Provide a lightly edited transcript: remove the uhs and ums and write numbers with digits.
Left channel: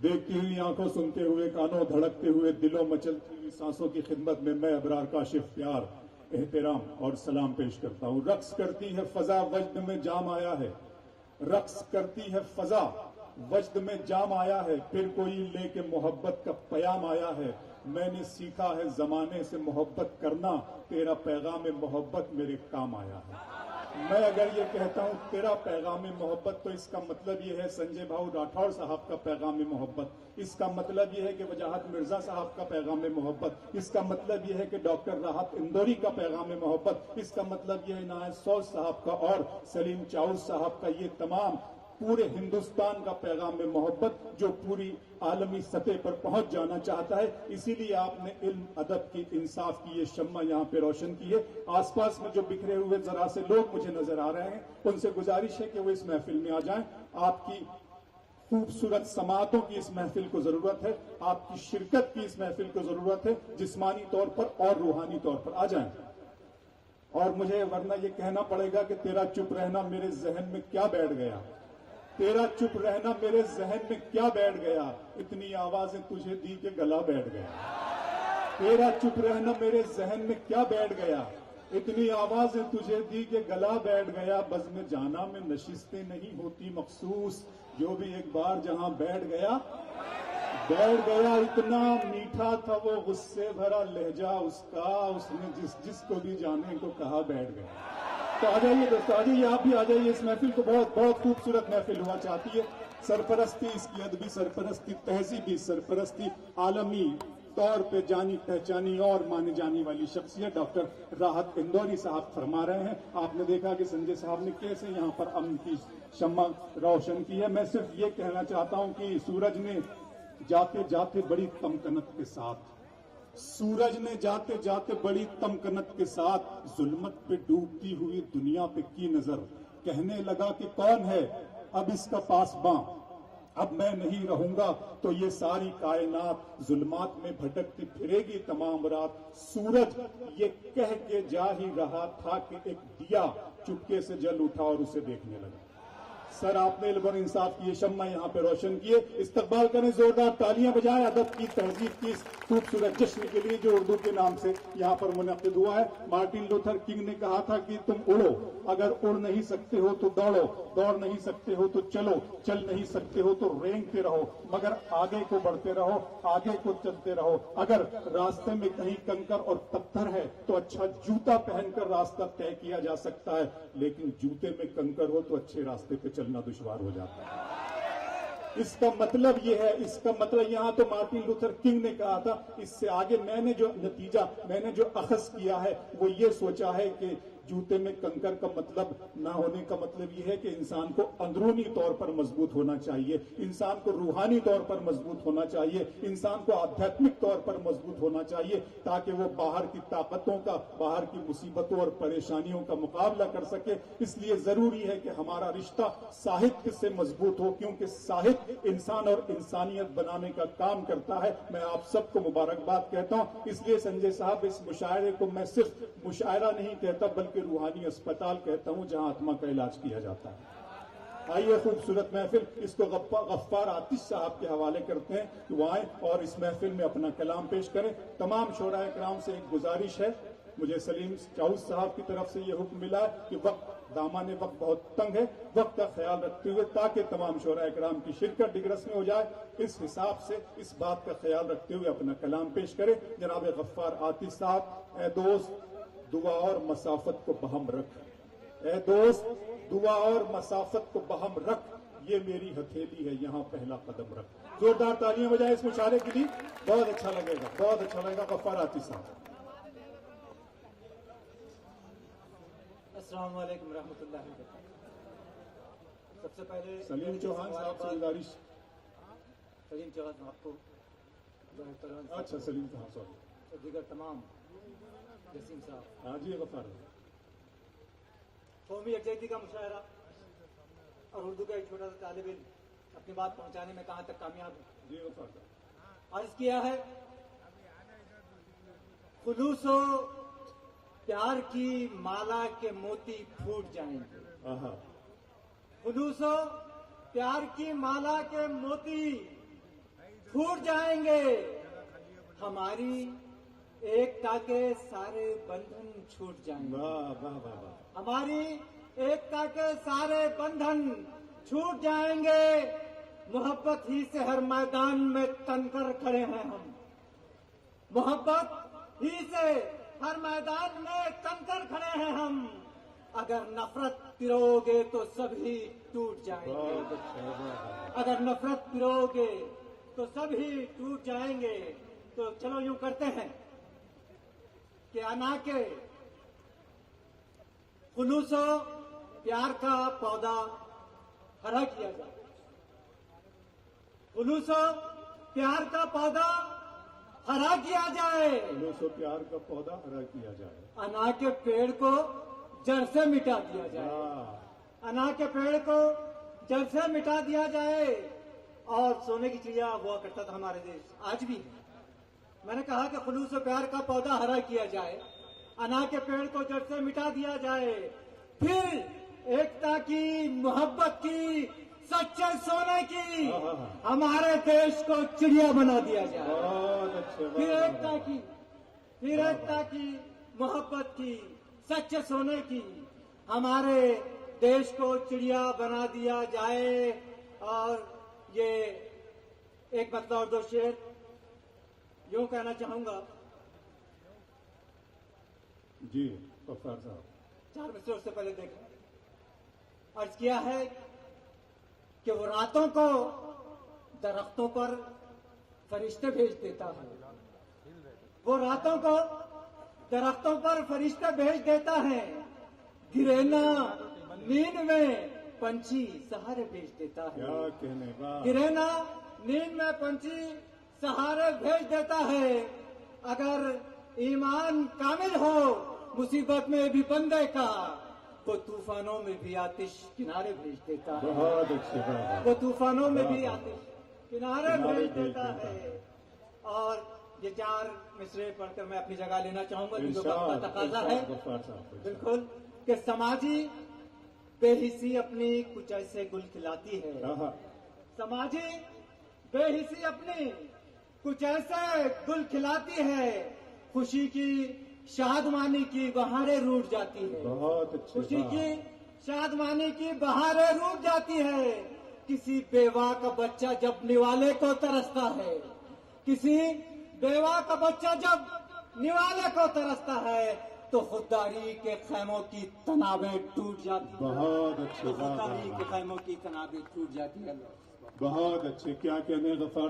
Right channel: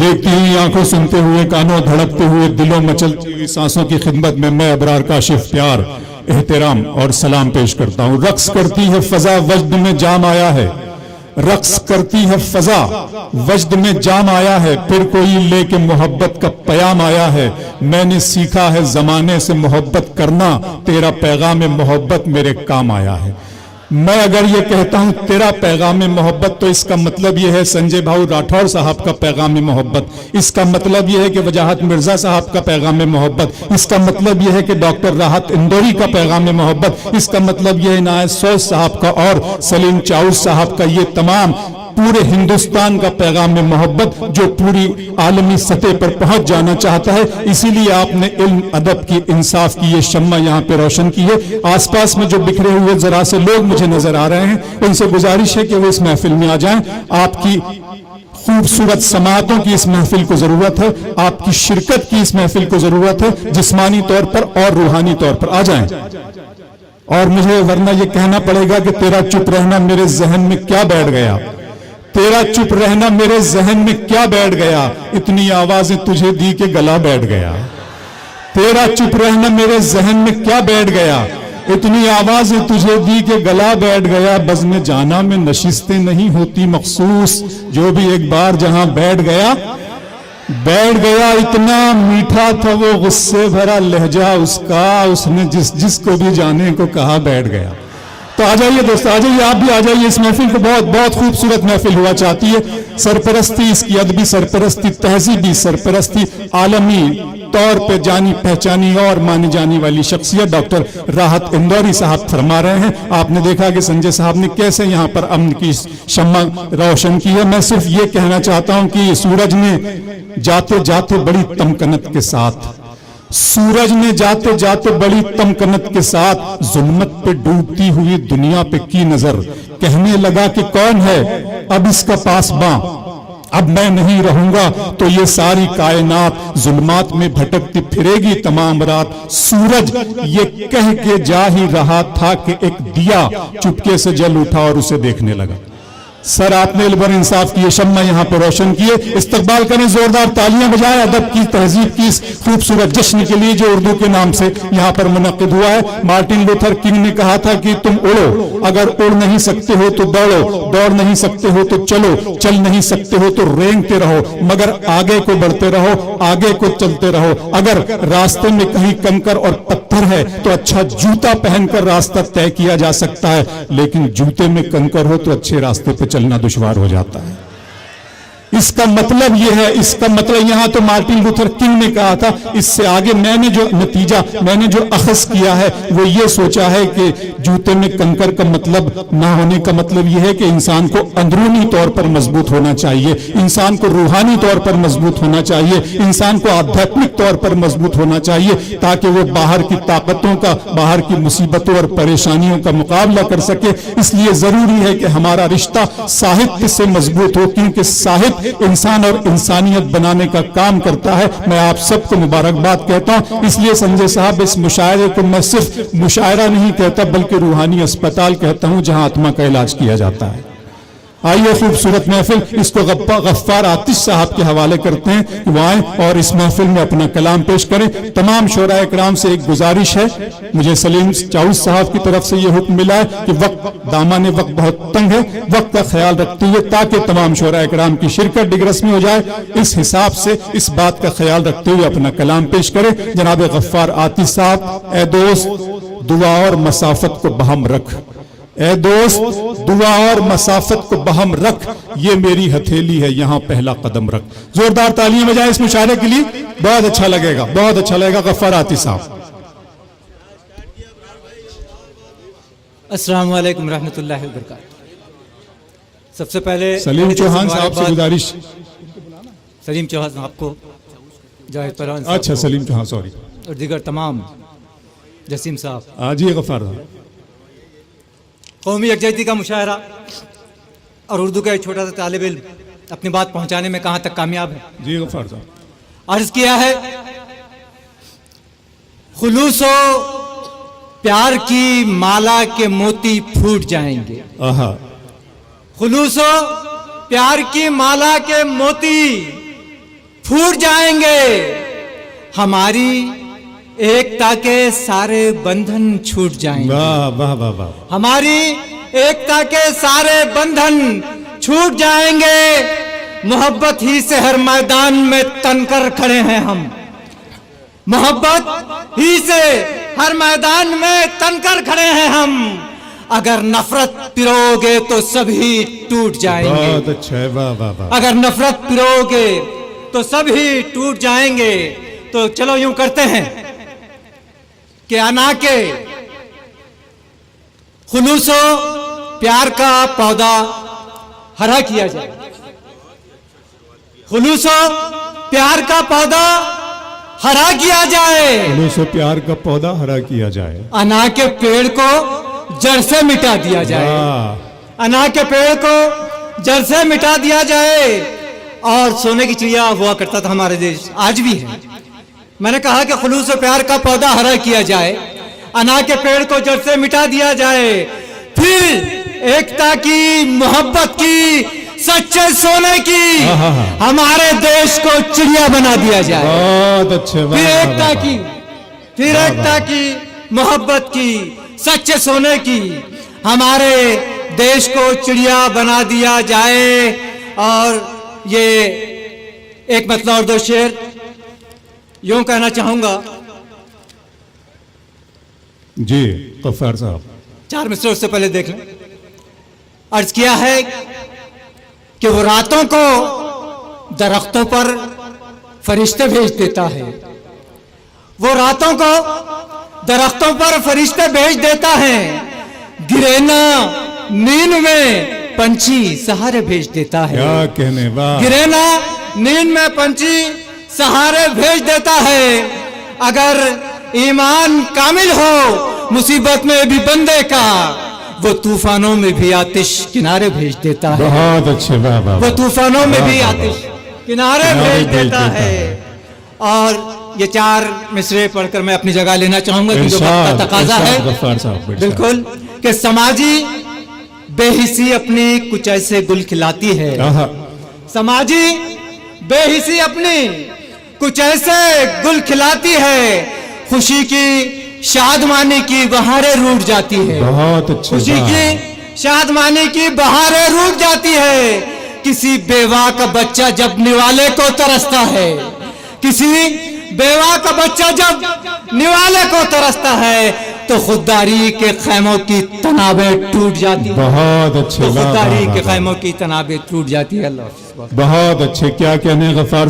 देखती हुई आंखों, सुनते हुए कानों, धड़कते हुए दिलों, मचलती हुई सांसों की खिदमत में मैं अबरार काशिफ प्यार, एहतराम और सलाम पेश करता हूं। रक्स करती है फजा, वजद में जाम आया है। रक्स करती है फजा, वजद में जाम आया है। फिर कोई लेके मोहब्बत का पयाम आया है। मैंने सीखा है जमाने से मोहब्बत करना, तेरा पैगाम मोहब्बत मेरे काम आया है। मैं अगर ये कहता हूं तेरा पैगाम मोहब्बत, तो इसका मतलब यह है संजय भाऊ राठौर साहब का पैगाम मोहब्बत। इसका मतलब यह है कि वजाहत मिर्जा साहब का पैगाम मोहब्बत। इसका मतलब यह है कि डॉक्टर राहत इंदौरी का पैगाम मोहब्बत। इसका मतलब यह है इनायत सौद साहब का और सलीम चाउस साहब का, ये तमाम पूरे हिंदुस्तान का पैगाम मोहब्बत जो पूरी आलमी सतह पर पहुंच जाना चाहता है। इसीलिए आपने इल्म, अदब की, इंसाफ की ये शम्मा यहाँ पे रोशन की है। आसपास में जो बिखरे हुए जरा से लोग मुझे नजर आ रहे हैं, उनसे गुजारिश है कि वो इस महफिल में आ जाएं। आपकी खूबसूरत समातों की इस महफिल को जरूरत है, आपकी शिरकत की इस महफिल को जरूरत है, जिस्मानी तौर पर और रूहानी तौर पर आ जाएं। और मुझे वरना यह कहना पड़ेगा कि तेरा चुप रहना मेरे जहन में क्या बैठ गया, तेरा चुप रहना मेरे जहन में क्या बैठ गया, इतनी आवाजें तुझे दी के गला बैठ गया। तेरा चुप रहना मेरे जहन में क्या बैठ गया, इतनी आवाजें तुझे दी के गला बैठ गया। बज़्म जाना में नशिस्तें नहीं होती मखसूस, जो भी एक बार जहां बैठ गया बैठ गया। इतना मीठा था वो गुस्से भरा लहजा उसका, उसने जिसको भी जाने को कहा बैठ गया। तो आ जाइए दोस्तों, आ जाइए, आप भी आ जाइए इस महफिल को। बहुत बहुत खूबसूरत महफिल हुआ चाहती है। सरपरस्ती, इसकी अदबी सरपरस्ती, तहजीबी सरपरस्ती, आलमी तौर पे जानी पहचानी और मानी जाने वाली शख्सियत डॉक्टर राहत इंदौरी साहब फरमा रहे हैं। आपने देखा कि संजय साहब ने कैसे यहाँ पर अमन की शम्मा रोशन की है। मैं सिर्फ ये कहना चाहता हूँ कि सूरज ने जाते जाते बड़ी तमकनत के साथ, सूरज ने जाते जाते बड़ी तमकनत के साथ जुल्मत पे डूबती हुई दुनिया पे की नजर, कहने लगा कि कौन है अब इसका पासबां, अब मैं नहीं रहूंगा तो ये सारी कायनात जुल्मात में भटकती फिरेगी तमाम रात। सूरज ये कह के जा ही रहा था कि एक दिया चुपके से जल उठा और उसे देखने लगा। सर, आपने इल्म इंसाफ की ये शम्मा यहाँ पर रोशन किए। इस्तकबाल करें, जोरदार तालियां बजाएं अदब की, तहजीब की इस खूबसूरत जश्न के लिए जो उर्दू के नाम से यहाँ पर मुनक्किद हुआ है। मार्टिन लूथर किंग ने कहा था कि तुम उड़ो, अगर उड़ नहीं सकते हो तो दौड़ो, दौड़ नहीं सकते हो तो चलो, चल नहीं सकते हो तो रेंगते रहो, मगर आगे को बढ़ते रहो, आगे को चलते रहो। अगर रास्ते में कहीं कंकर और पत्थर है तो अच्छा जूता पहनकर रास्ता तय किया जा सकता है, लेकिन जूते में कंकर हो तो अच्छे रास्ते पे चलना दुश्वार हो जाता है। इसका मतलब यह है, इसका मतलब यहां तो मार्टिन लूथर किंग ने कहा था। इससे आगे मैंने जो नतीजा, मैंने जो अखज़ किया है वो ये सोचा है कि जूते में कंकर का मतलब ना होने का मतलब यह है कि इंसान को अंदरूनी तौर पर मजबूत होना चाहिए, इंसान को रूहानी तौर पर मजबूत होना चाहिए, इंसान को आध्यात्मिक तौर पर मजबूत होना चाहिए, ताकि वो बाहर की ताकतों का, बाहर की मुसीबतों और परेशानियों का मुकाबला कर सके। इसलिए जरूरी है कि हमारा रिश्ता साहित्य से मजबूत हो, क्योंकि साहित्य इंसान और इंसानियत बनाने का काम करता है। मैं आप सबको मुबारकबाद कहता हूं। इसलिए संजय साहब, इस मुशायरे को मैं सिर्फ मुशायरा नहीं कहता बल्कि रूहानी अस्पताल कहता हूं, जहां आत्मा का इलाज किया जाता है। आइए खूबसूरत महफिल, इसको गफ्फार आतिश साहब के हवाले करते हैं कि वो आए और इस महफिल में अपना कलाम पेश करें। तमाम शोराए इकराम से एक गुजारिश है, मुझे सलीम चाउस साहब की तरफ से ये हुक्म मिला है कि वक्त, दामन वक्त बहुत तंग है, वक्त का ख्याल रखते हुए ताकि तमाम शोराए इकराम की शिरकत डिग्रस में हो जाए, इस हिसाब से इस बात का ख्याल रखते हुए अपना कलाम पेश करें। जनाब गफ्फार आतिश साहब। ए दोस्त, दुआ और मसाफत को बहम रख, ए दोस्त, दुआ और मसाफत को बहम रख, ये मेरी हथेली है, यहां पहला कदम रख। जोरदार तालियां बजाएं इस मुशायरे के लिए, बहुत अच्छा लगेगा, बहुत अच्छा लगेगा। गफ्फार आतिश साहब। अस्सलाम वालेकुम रहमतुल्लाहि व बरकातहू। सबसे पहले सलीम चौहान साहब से गुजारिश। सलीम चौहान साहब को, जाहिद परवान, अच्छा सलीम चौहान, सॉरी, और दीगर तमाम, जसीम साहब। आज ये गफ्फार साहब। कौमी यकजहती का मुशायरा और उर्दू का एक छोटा सा तालिब इल्म अपनी बात पहुंचाने में कहां तक कामयाब है? जी गफ्फार साहब। अर्ज किया है, खुलूसो प्यार की माला के मोती फूट जाएंगे। खुलूसो प्यार की माला के मोती फूट जाएंगे, हमारी एकता के सारे बंधन छूट जाएंगे। वाह वाह वाह वाह। हमारी एकता के सारे बंधन छूट जाएंगे, मोहब्बत ही से हर मैदान में तनकर खड़े हैं हम। मोहब्बत ही से हर मैदान में तनकर खड़े हैं हम। अगर नफरत पिरोगे तो सभी टूट जाएंगे। बहुत अच्छा है, वाह वाह वाह। अगर नफरत पिरोगे तो सभी टूट जाएंगे। तो चलो यूं करते हैं कि अना के खुलूसो प्यार का पौधा हरा किया जाए। खुलूसो प्यार का पौधा हरा किया जाए। खुलूसो प्यार का पौधा हरा किया जाए। अना के पेड़ को जड़ से मिटा दिया जाए। वाह। अना के पेड़ को जड़ से मिटा दिया जाए। और सोने की चिड़िया हुआ करता था हमारे देश, आज भी है। मैंने कहा कि खुलूस प्यार का पौधा हरा किया जाए, अना के पेड़ को जड़ से मिटा दिया जाए, फिर एकता की, मोहब्बत की, सच्चे सोने की हमारे देश को चिड़िया बना दिया जाए। बहुत अच्छे। फिर एकता की, फिर एकता की, मोहब्बत की, सच्चे सोने की हमारे देश को चिड़िया बना दिया जाए। और ये एक मतलब और दो शेर यूं कहना चाहूंगा जी गफ्फार साहब। 4 मिसरे उससे पहले देख लें। अर्ज किया है कि वो रातों को दरख्तों पर फरिश्ते भेज देता है। वो रातों को दरख्तों पर फरिश्ते भेज देता है। गिरेना नींद में पंछी सहारे भेज देता है। क्या कहने, वाह। गिरेना नींद में पंछी सहारे भेज देता है। अगर ईमान कामिल हो मुसीबत में भी बंदे का, वो तूफानों में भी आतिश किनारे भेज देता है। बहुत अच्छे, वाह वाह। वो तूफानों में भी आतिश किनारे भेज देता है। और ये 4 मिसरे पढ़कर मैं अपनी जगह लेना चाहूंगा कि जो वक्त का तकाजा है। गफ्फार साहब बिल्कुल कि समाजी बेहिसी अपनी कुछ ऐसे गुल खिलाती है। समाजी बेहिसी अपनी कुछ ऐसे गुल खिलाती है, खुशी की, शादमानी की बहारें रूठ जाती है। बहुत अच्छे। खुशी की, शादमानी की बहारें रूठ जाती है। किसी बेवा का बच्चा जब निवाले को तरसता है, किसी बेवा का बच्चा जब निवाले को तरसता है, तो खुददारी के खैमों की तनाबें टूट जाती है। बहुत अच्छे, तो खुददारी के खैमों की तनाबें टूट जाती है। अल्लाह बहुत अच्छे। क्या कहने गफ्फार